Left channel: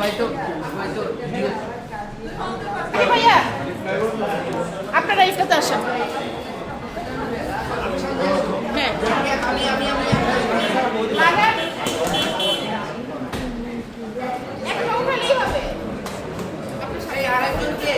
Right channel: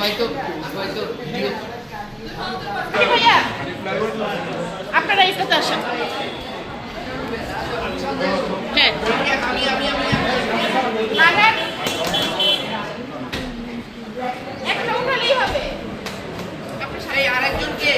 সবাই তো সবাই তো ভিডিও আপনারা এটাতে আসেন। হ্যাঁ। লাগান। একটা উঠালেই হবে। আপনি আরেকজনকে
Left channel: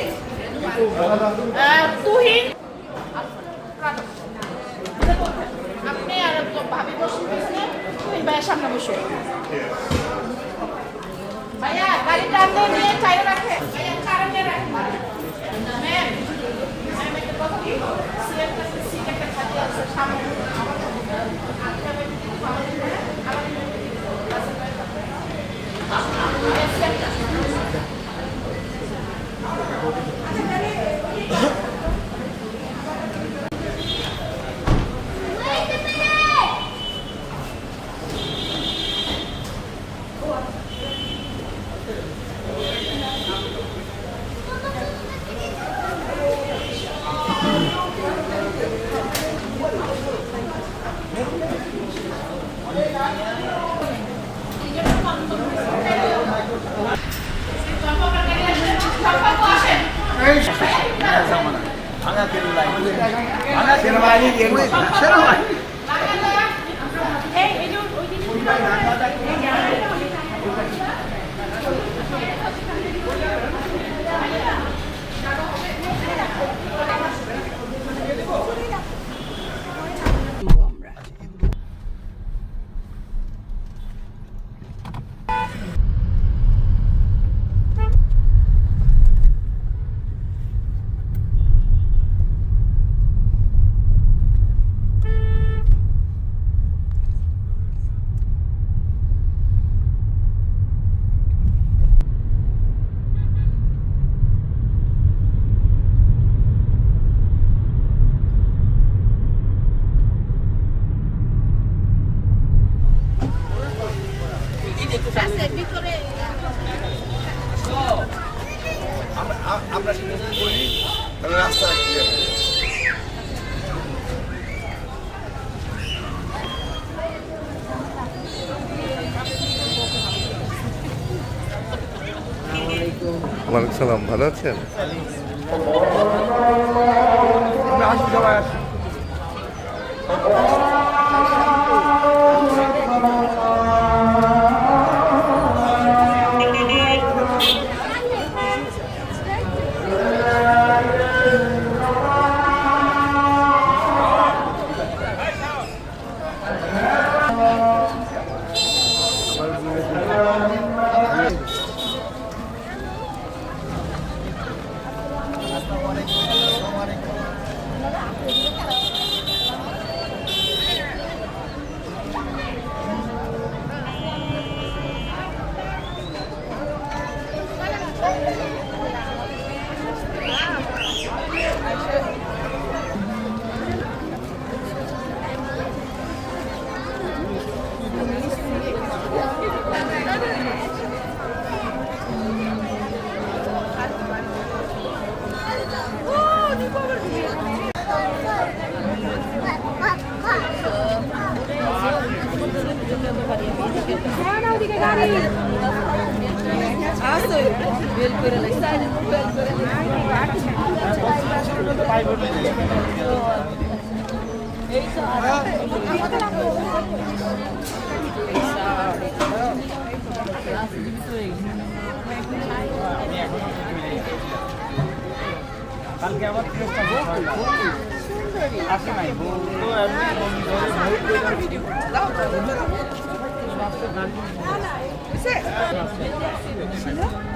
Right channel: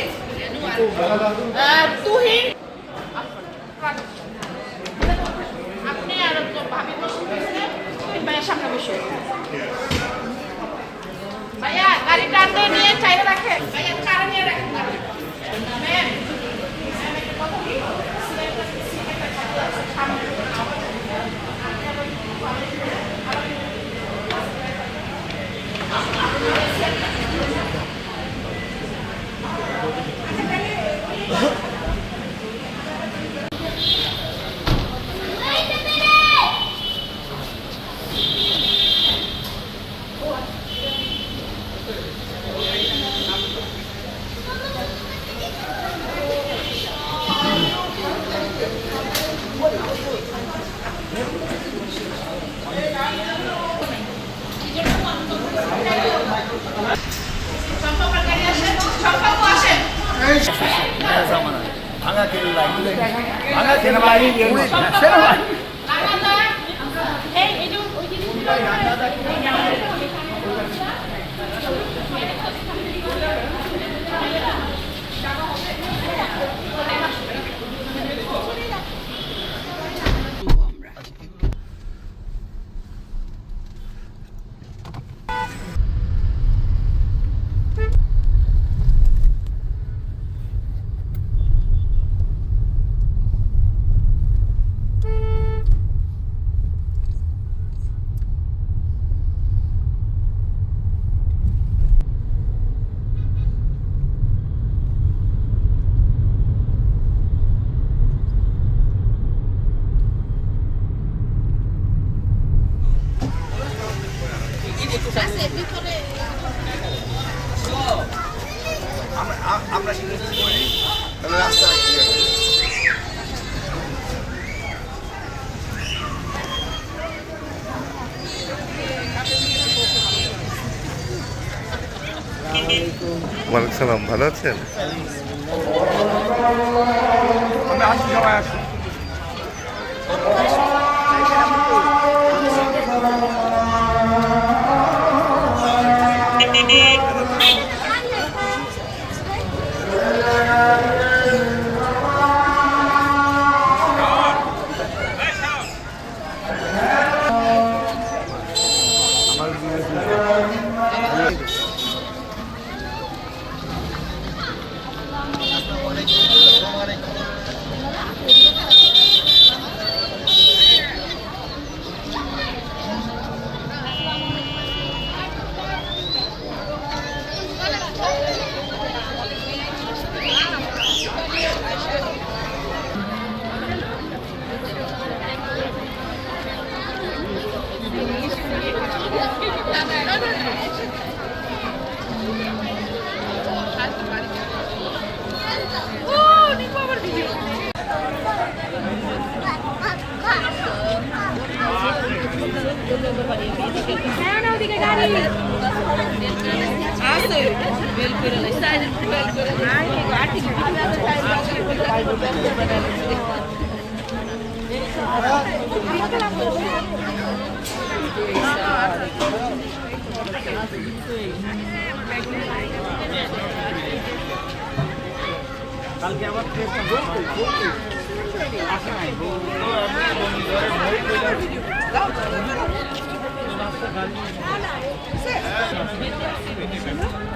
সালাম ভালো আছেন? Oh, কালকে আবার চেষ্টা করব আসে নাই বউ আমি আছে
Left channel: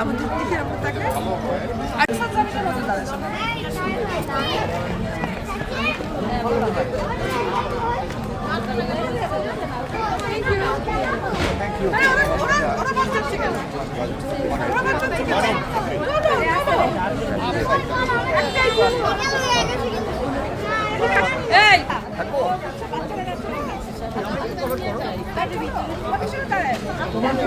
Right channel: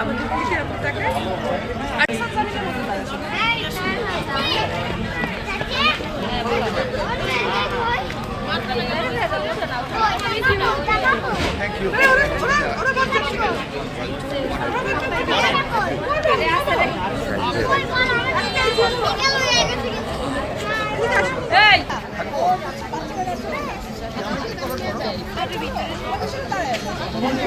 আমাদের দেশে এরকম থাকে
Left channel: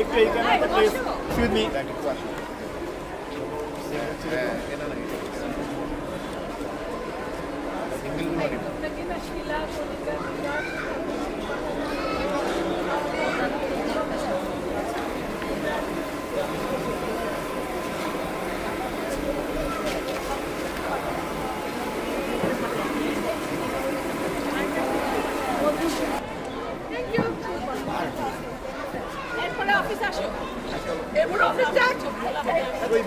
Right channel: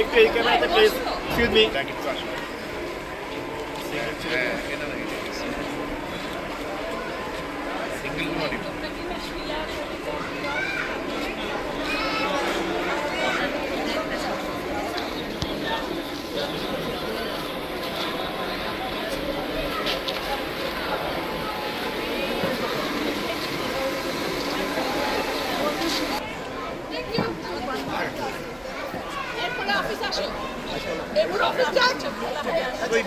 একটু এই ক্যামেরাটা প্লিজ এক্সকিউজ মি এরপরে অফিস আসো এরপরে অফিস যাচ্ছ ওই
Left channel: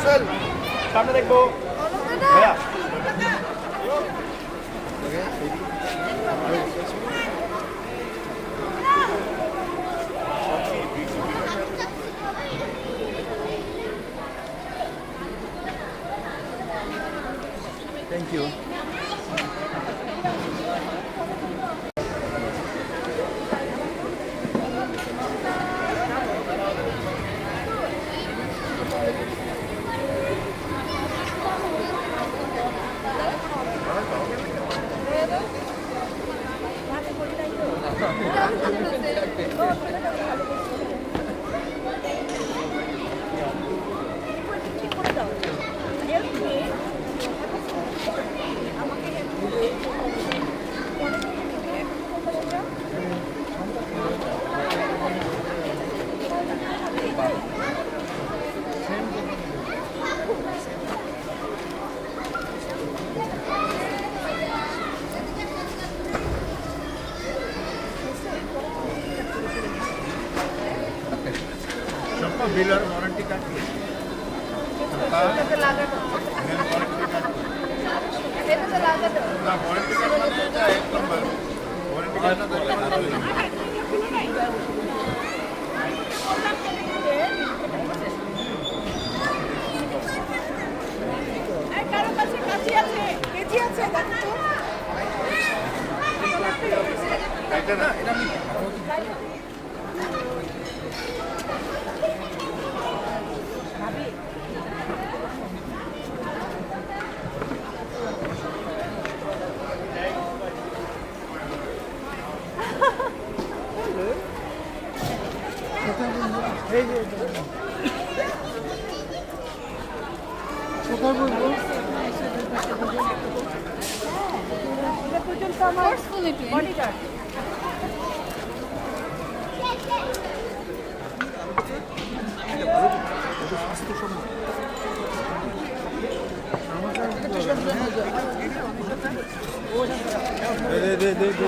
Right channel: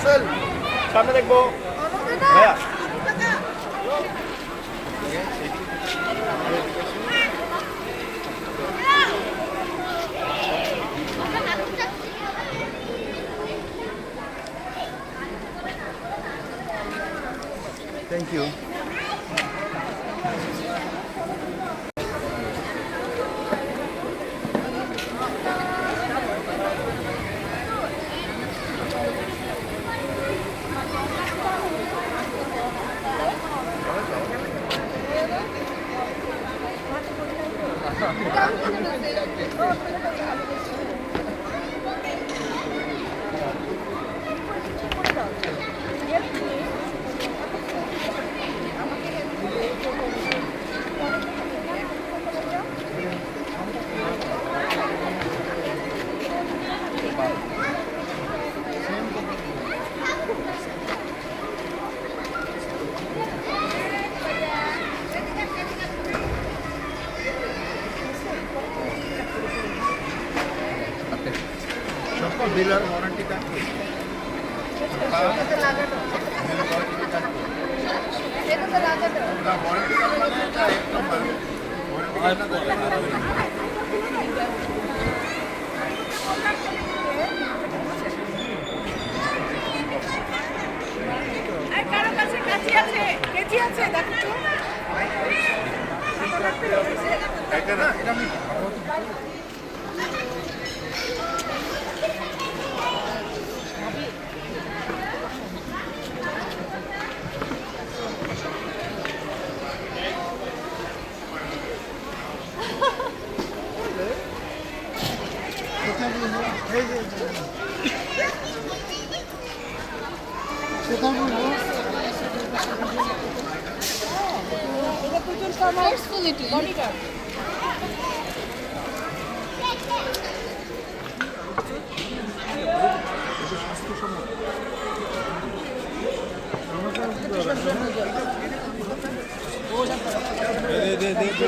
রাসেল সামনে দেখবো বিলার ওয়ারেন্টি কার্ড না ওয়ারেন্টি কার্ড মানে এটা এক নম্বর ওয়ারেন্টি আর কারও কাছে কাছে আছে? কেজি আছে? দেখো তো। কত লাগবে? না এটা আমি এটা পর্যন্ত আমার বডিগার্ড দেখা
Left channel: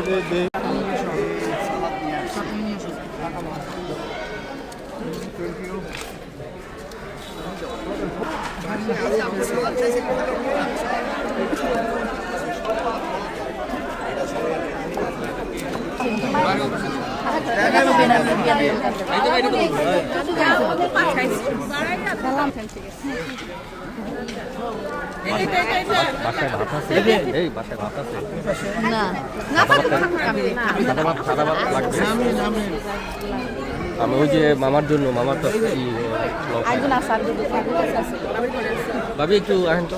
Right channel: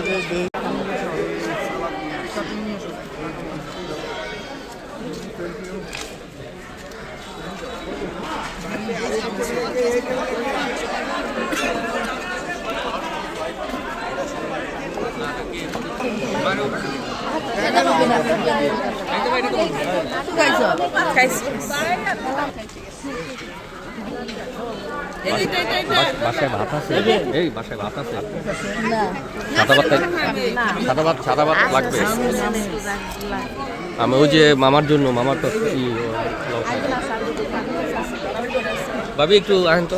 বাসায় ভাত আছে এই বাসায় ভাত আছে সাদা ভাত সাদা ভাত সাদা ভাত লাগবে আমি ওই যে মামার জন্য মামার তো। ভাবি একটু আহেন তো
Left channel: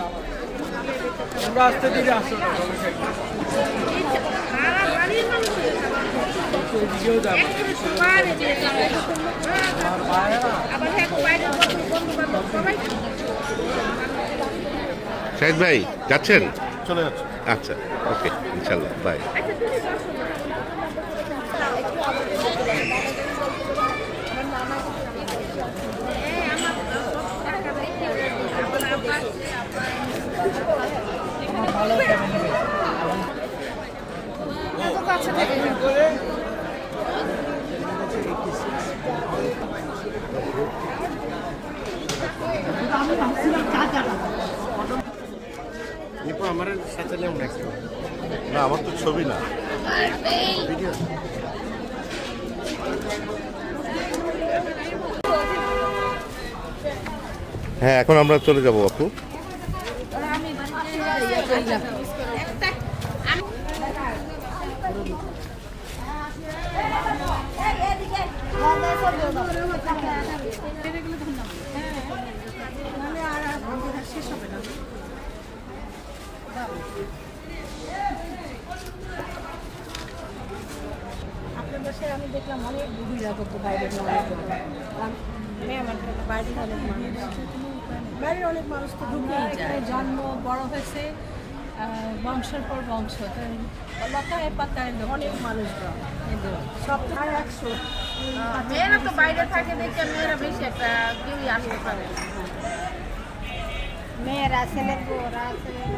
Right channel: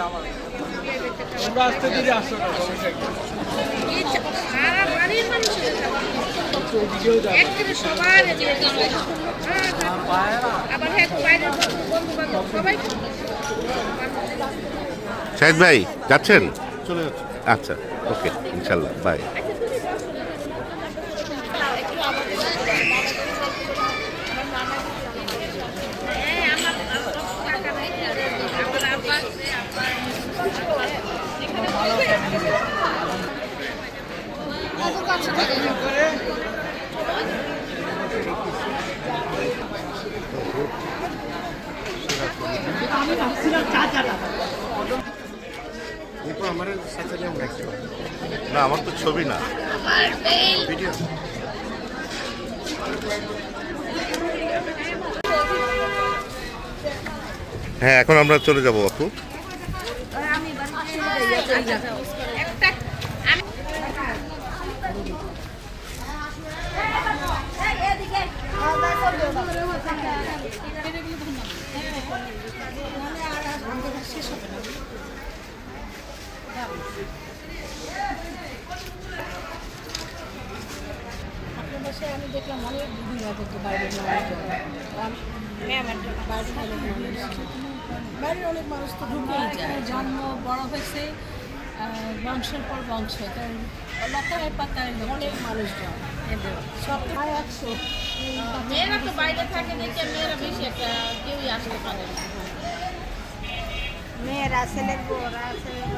আমরা আসতে দিলে আসো না সমস্যা কি ওইদিকেও যাব হ্যাঁ শাহিদ ভাই যাচ্ছেন? চলে যাচ্ছে। আচ্ছা ওকে ইনশাল্লাহ বাই। না আমার তো ছবি না। ভিডিও হ্যাঁ এখন আমরা চলে যাব আপু। আপনার বাসায় আমি দেখলাম অনেক দিদিরা করতো বাইরের মানুষজন বাইরের অনেক মানুষ। বাইরের অনেক মানুষ তো জন্ম বড় হয়েছে বংশের পর বংশ লতায় পাতায় অনেক মানুষজন। এদের। সব তো একশো। মেয়েরা তো বাইরে থাকে দেখে মেয়েরা বেশি একটা কেউই আসতে পারে না। মেয়েরা ছেলে বউরা আছে আমাদের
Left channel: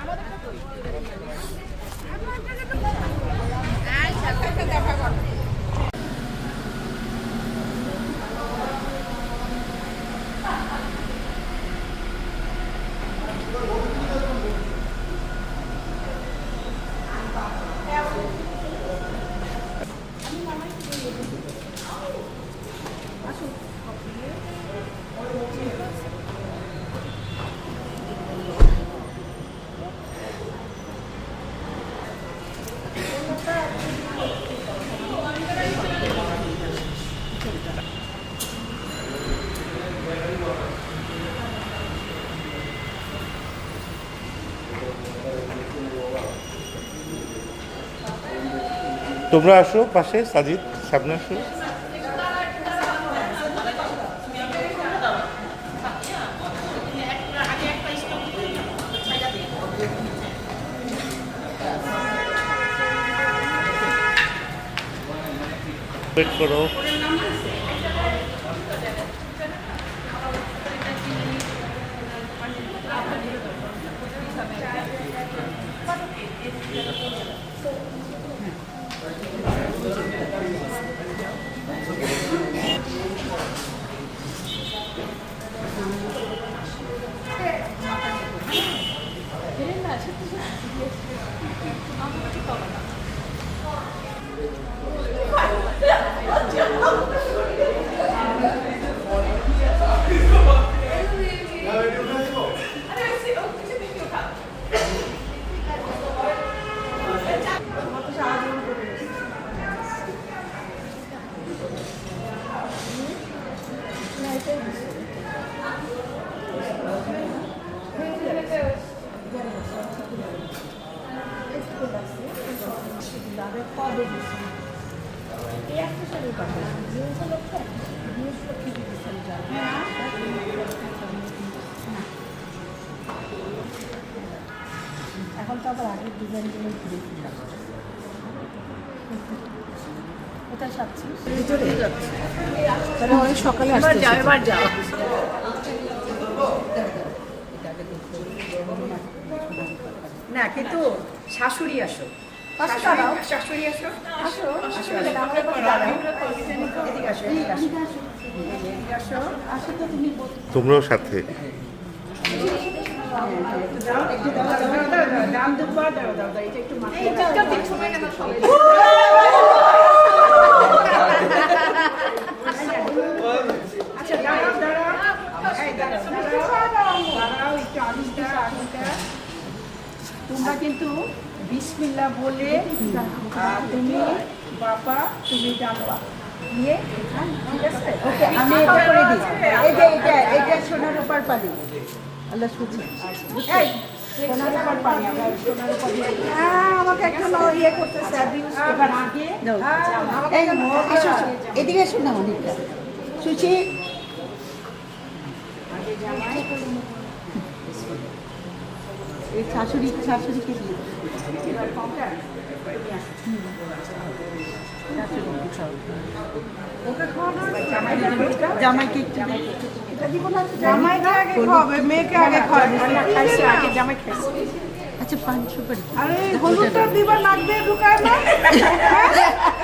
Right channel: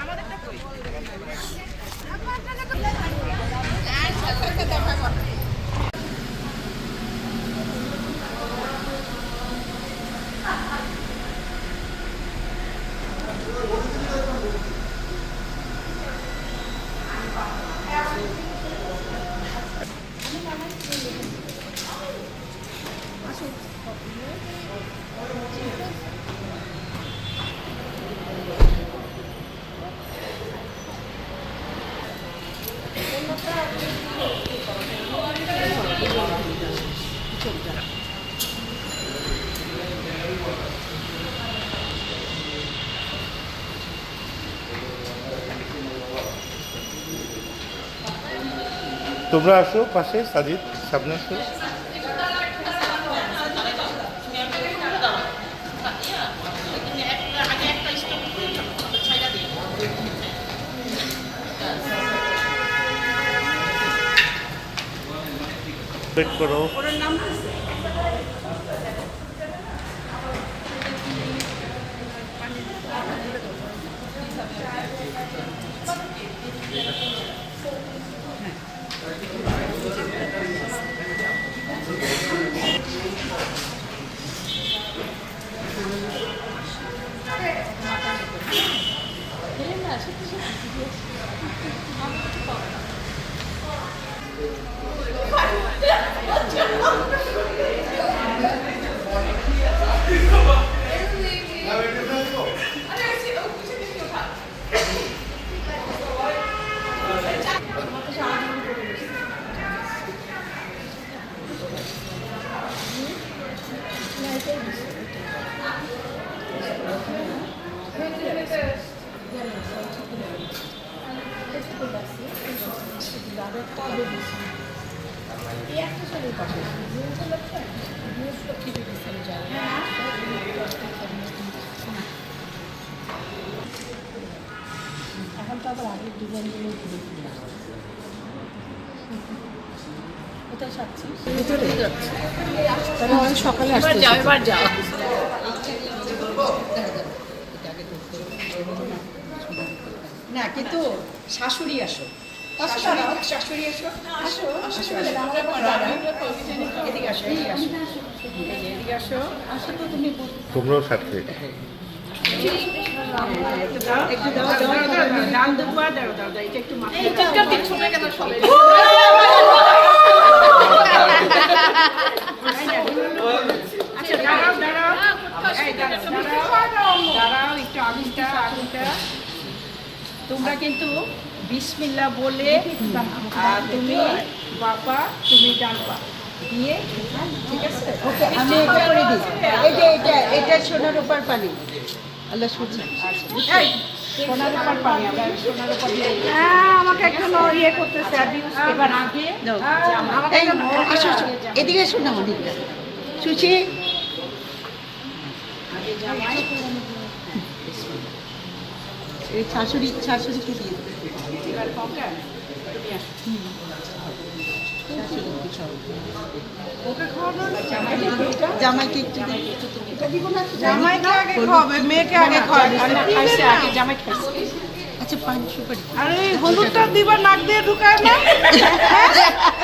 আরে একটা তো দেখা আছে তোমরা আসো পাশে সাজিদ সামনে আসো। ওয়েট করো। সকালে আসতে যাও এবার যাও না কিন্তু শাশুড়ি আসো। শাশুড়ি- শাশুড়ি আসো আসো। আসো এদিকে আসো এদিকে আসো। আসো তুমি তোমরাও সাথে। এটা তোমরা কিন্তু বিসমিল্লাহ বলে তুমি বাবা, তুমি ডানবা দিয়ে ঠিক আছে? ওকে আমি এটা করে দিই। যে এটা এটা সোনার উপর পানি আল্লাহ এই, সোনার উপর পানি আমরা সোনার উপর আমাকে একটু ইয়ে করতেছে। এবার আগে এই আসো আসো এদিকে এসো না অনেকটা সুচি। শাশুড়ি শাশুড়িকে দিয়ে দাও। জামাইকে একটু জামাইকে আগে খাওয়াবে মেয়েকে আগে খাওয়াবে। জামাই খাইছে আচ্ছা পান সুপারি। আরে হলুদটা দিবা নাক দিয়ে ঢুকায় না?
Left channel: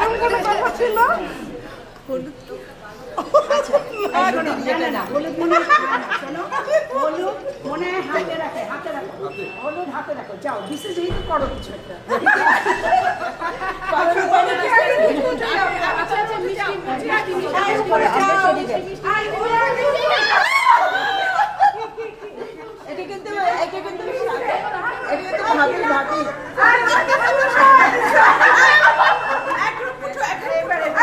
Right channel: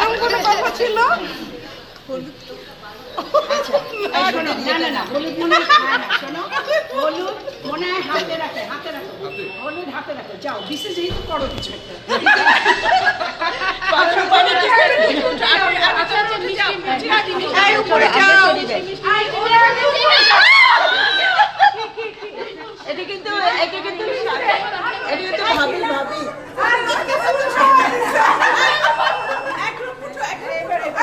এমন কোনো কথা ছিল? হলুদ যাও, বিশেষ যেহেতু করো কিছু একটা। আচ্ছা, আচ্ছা, উপরে যাও। এটা কিন্তু এটা কিন্তু ভাবি ভাবি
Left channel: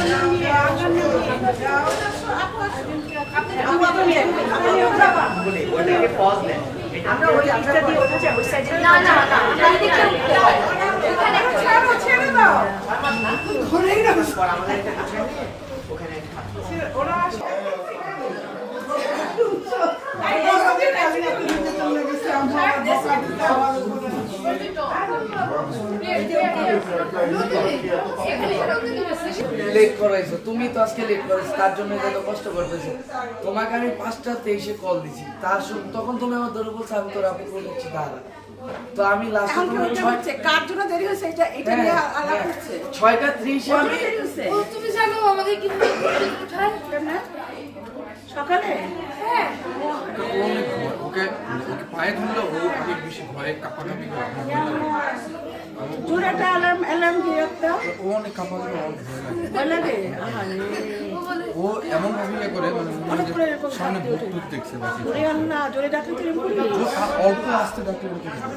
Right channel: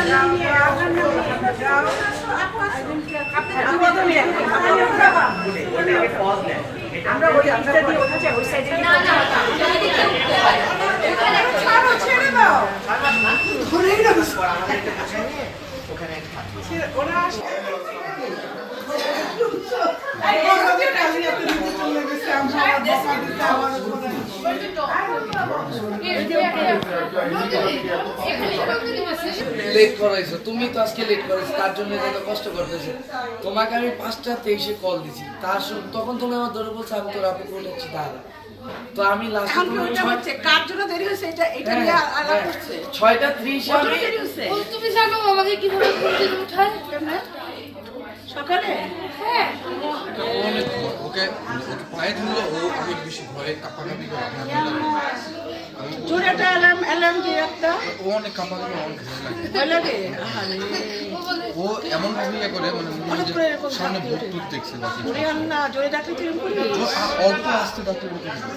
জামাই বউ। না, না, জামাই বউ, শাশুড়ি, শাশুড়ি। শাশুড়ি কি করে? জামাই কাটে বলছে বিসমিল্লাহ বিসমিল্লাহ বলে লিখতে হবে বিসমিল্লাহ বিসমিল্লাহ আল্লাহর নাম নিয়ে আল্লাহর নাম নিয়ে যাও আপনি দুয়া নিয়ে আপনি উঠাবা আমরা ওই দিকটা দিয়ে উঠে যাব সাইডে না না ছেড়ে ওরা লেট করাইছো তুমি তো আজকে লেট করাইছো তার জন্য এত কষ্ট করতেছো। তোমাকে আমি পাঁচটা তেইশে কল দিছি। তার সু- তখন তুমি আমার ধরে বলছো আমি তোর আপনি উঠেছি তারা তো আমি লাস্টে কার জন্য দেরি হয়েছে? এটা এটা হ্যাঁ, নিয়ে আলাপ হ্যাঁ। করছে ছয়টা ত্রিশে আমি তুমি জানো আমাকে কীভাবে উঠায়? সকালে? ও অনেক। ওকে ওকে পায়ে ধরলো ও অনেক বেশি ভয়ে কাঁপাকাঁপি করে। জোরেটা অ্যালার্ম অ্যালার্ম দিয়ে একটা। ও অনেক কাঁপাকাঁপি আমার ভয় লাগে। ও এমন ভাবে করে মানে মনে সামনে ভূত টুত দেখছে বাকি জোরে আন না জোরে ডাকলে কিরম আ- অল্প আসতে ডাক্তার বলতে আমার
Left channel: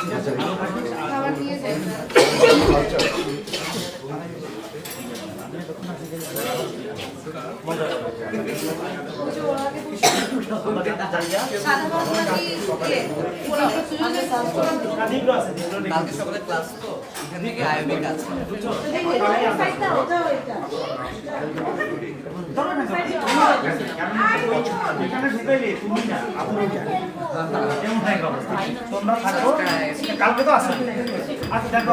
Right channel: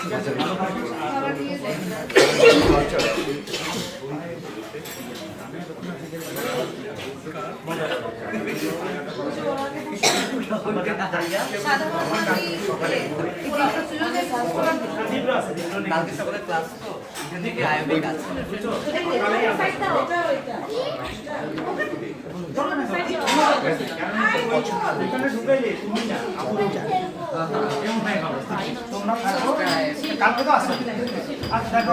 ঠিক আছে কালকে তো আসবে আচ্ছা দেখো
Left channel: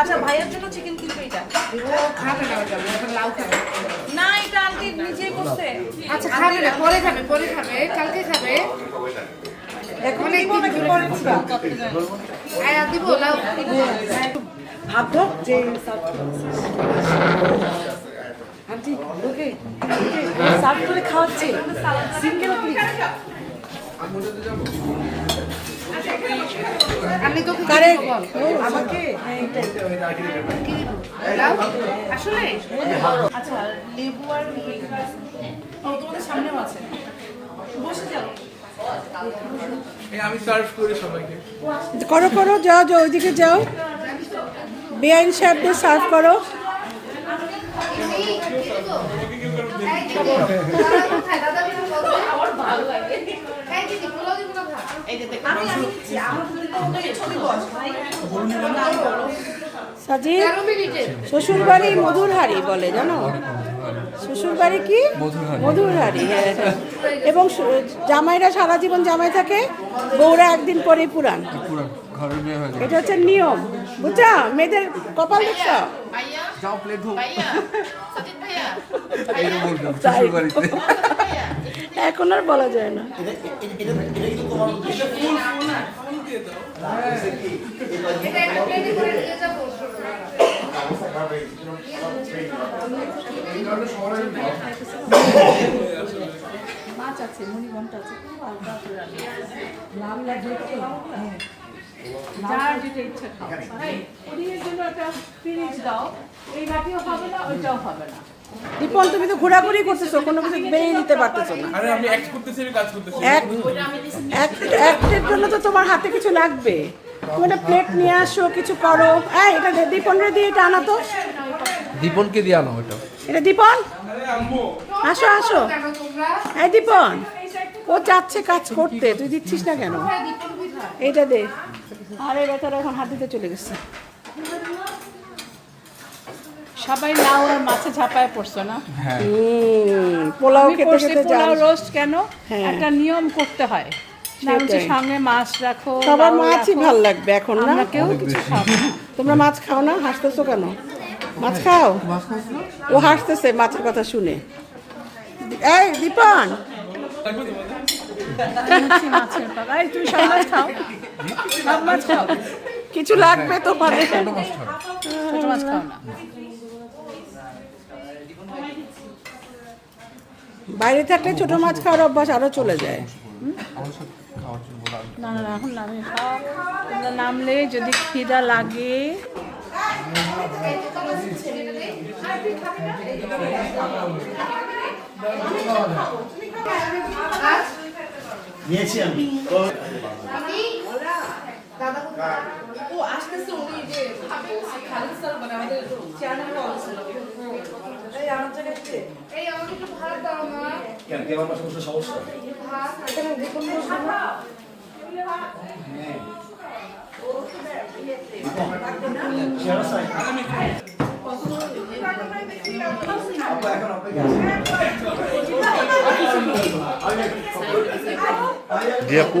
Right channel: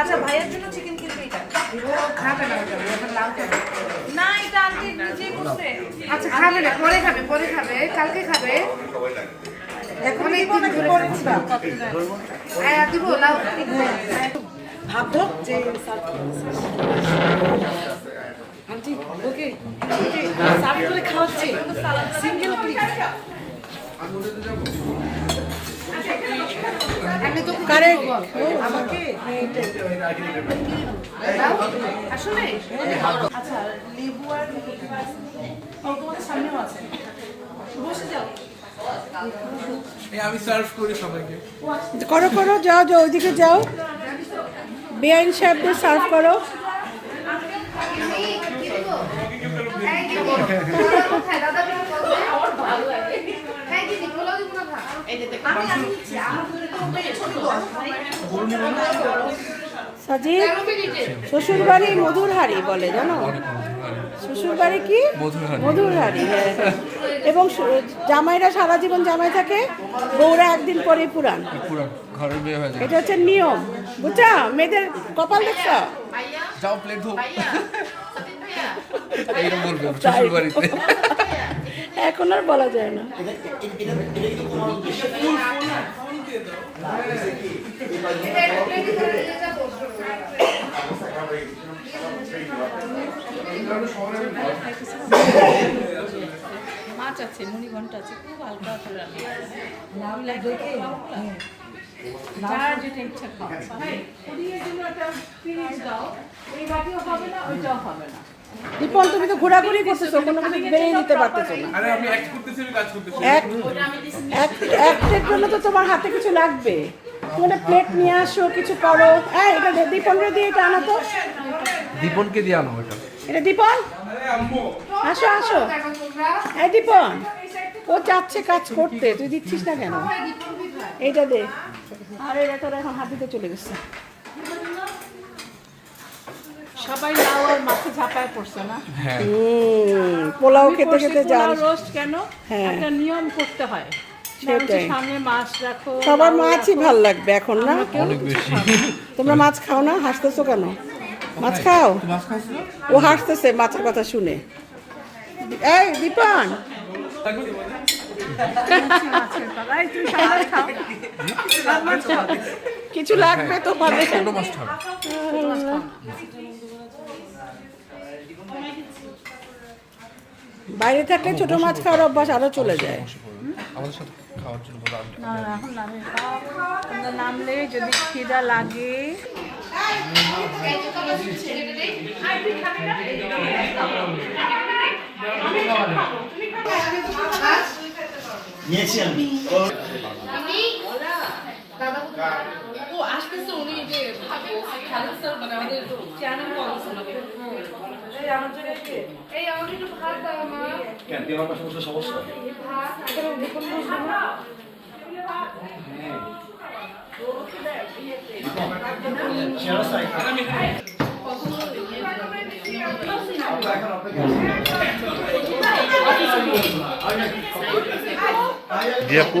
আচ্ছা ভাইয়ের জন্য চিকেন কিনবে এটা। না এটা আজকে নিজেই আচ্ছা খাবে না পরে খাবে পরে খাবে কালকে খাবে। এখন দিব নাকি পরে দিবা। দিব লাও ভাবলো যে আন্টি ওকে সার্ভ করে খাওয়াচ্ছি। সিঙ্গেল আমি তোকে কারে? আমাকে? লাও আসলে? আচ্ছা লেবু আর তোমাদের সামনেও আছে। বসে যাও। আমি সার্ভ করি সবাইকে। করো করো যাও যাও ওইদিকে যাও। বেআইন সাহেবদের সার্ভ করো। দিদি, ভালো লাগে। সাজিদ শ্বশুর বাড়ি মধুর হাড়ি বলে জানো? শ্বশুর বাড়ি কি? মধুর হাড়ি হ্যাঁ। হ্যাঁ। এবং জামাইরা সারা জীবন জামাই থাকে বউরা একদিন পরে পুরান এটা হচ্ছে নিয়ম। বুঝছ? মেয়েদের কপাল দেখছ? যাও প্লেট ধো তাই এখন আর বলা যায় না। মাছ আছে মুড়িঘণ্টা আছে খুব হালকা করে রান্না যার যেটা ইচ্ছা খাও। ওদিকে জন্য একটা ফিরিজ দাও। এই বাটিও হবে না ওইটাও হবে না। দীপন তুমি তো ঘোরাঘুরি করতেছো কোনো কিছু দিয়ে দিতে পারতেছো না। আরে আমি অ্যাক্ট করতেছি আমি কাজ করতেছি। এক এক একের জন্য তো তোমার হাতে কিছু লাগবে। তুমি একটা প্লেট নিয়ে আসো কিছু করো। এই এটা দে- দীপন রে দিয়ে এটা আনা তো। দীপনকে দিয়ে আনো ওটা এটা দীপন? আসো আসো। এই দীপন ও চাচ্ছে কাজ করতে তুই দিচ্ছিস না কেন? এইটা দে। আরে বেচারা এখন হাত দিতে চলে গেছে। সবাই নাও আর মাছে ঝাপায় পড়ছো না? পোলাও খেতে খেতে যান রোস্ট কেন? হ্যাঁ। একটা নিয়ম করতে হয়। না সেটাই। সামনে মাছ রাখো সবার মাছই ভালো লাগবে এখন না। তোমরা মাছ খাও না? হাসতেছো কেন? মাছ খাও? ও হাসতেছে মাছের কথা শুনে। এই দীপন। কিছু লাগবে তোমাদের। বাইরে থাকলে ছোট মাছ খাওয়ার অভ্যাস আরও চলে যায়। না এখন নামে নামলে যদি খিদা লাগে। নিয়েছি আমি। আমি দাদা জি আপু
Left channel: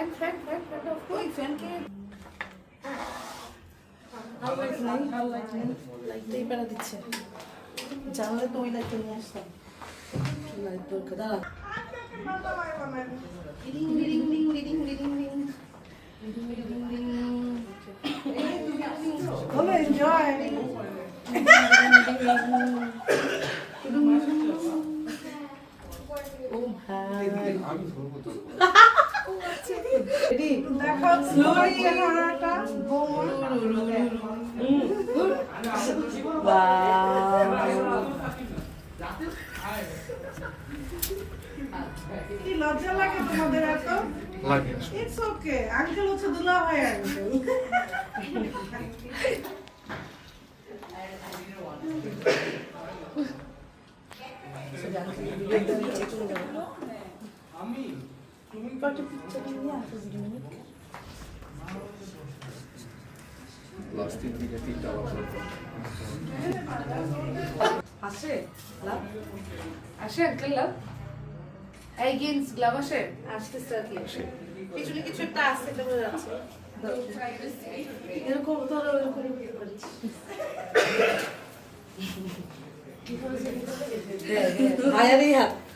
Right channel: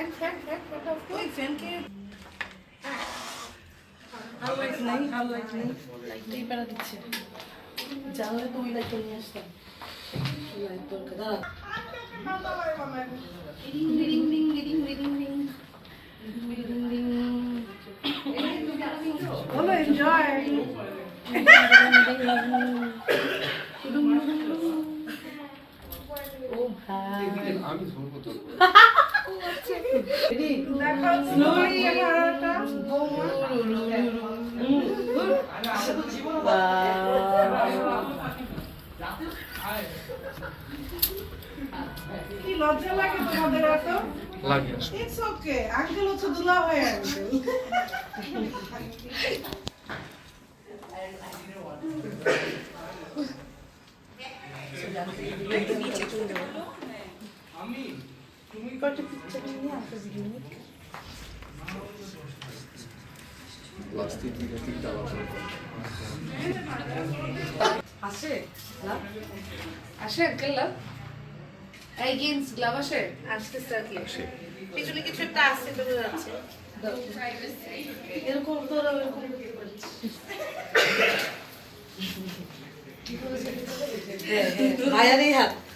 ফ্যান ফ্যান ফ্যান ফ্যান ওই ফ্যানকে আর লাইট নাই আর লাইট নেই লাইটটাই বেড়া দিচ্ছে জানলে তো ওই লাইটটা নিয়ে আসতাম লাইট দরকার দাঁড়া ring ring ring ring ring ring বলো এনজয় দেখো স্লোই হারাটা কি লজ্জা লাগে তোমাদের এত ওকে আঙ্কেল হচ্ছে দুলা আঙ্কেল আসে আসে আঙ্কেল লাভ এই গেন্স গ্লাভ আসে আসতেছে আর কি পিছনে কিছু একটা আছে তো যাচ্ছে এরকম তো এরকম ভাইয়ারই হাত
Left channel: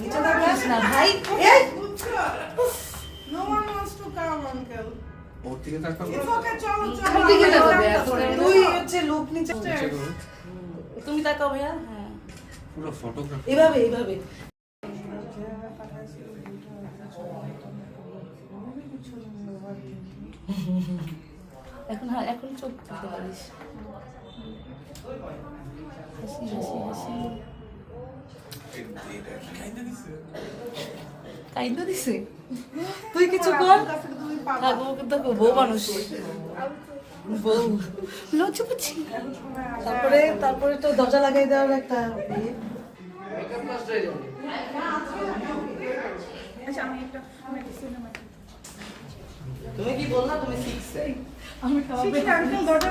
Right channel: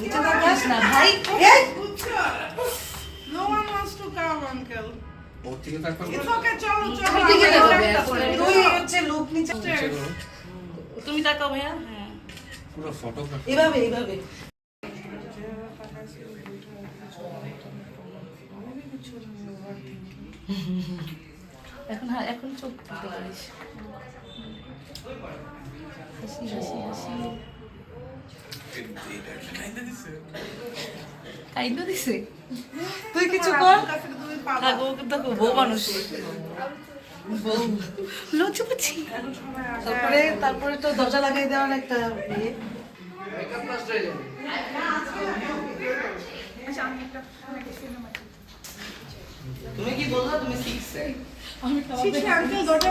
নিচে যাবে না ভাই। এই no one wants to come uncle ওর তারপর ইটস ওকে চলো চলো কোন দিকে যাবে? তুই হচ্ছে লোক নিচে তুমি তাকাও ভাইয়া। হ্যাঁ। পুরো ফটোগ্রাফি এভাবে এভাবে। এখন হ্যাঁ এখন চোখ দিতে পারিস। হাসি হাসি হাসি। কাইন্দা দিছে? তুই কিছু কর। বউ মানুষ। পুচি তারপরে তারপরে তো দরজা লাগাই দেওয়ার একটা ইয়ে। হয়ে যাবে তুমি কি বলছো? তুমি শিখছে আমি দরজা।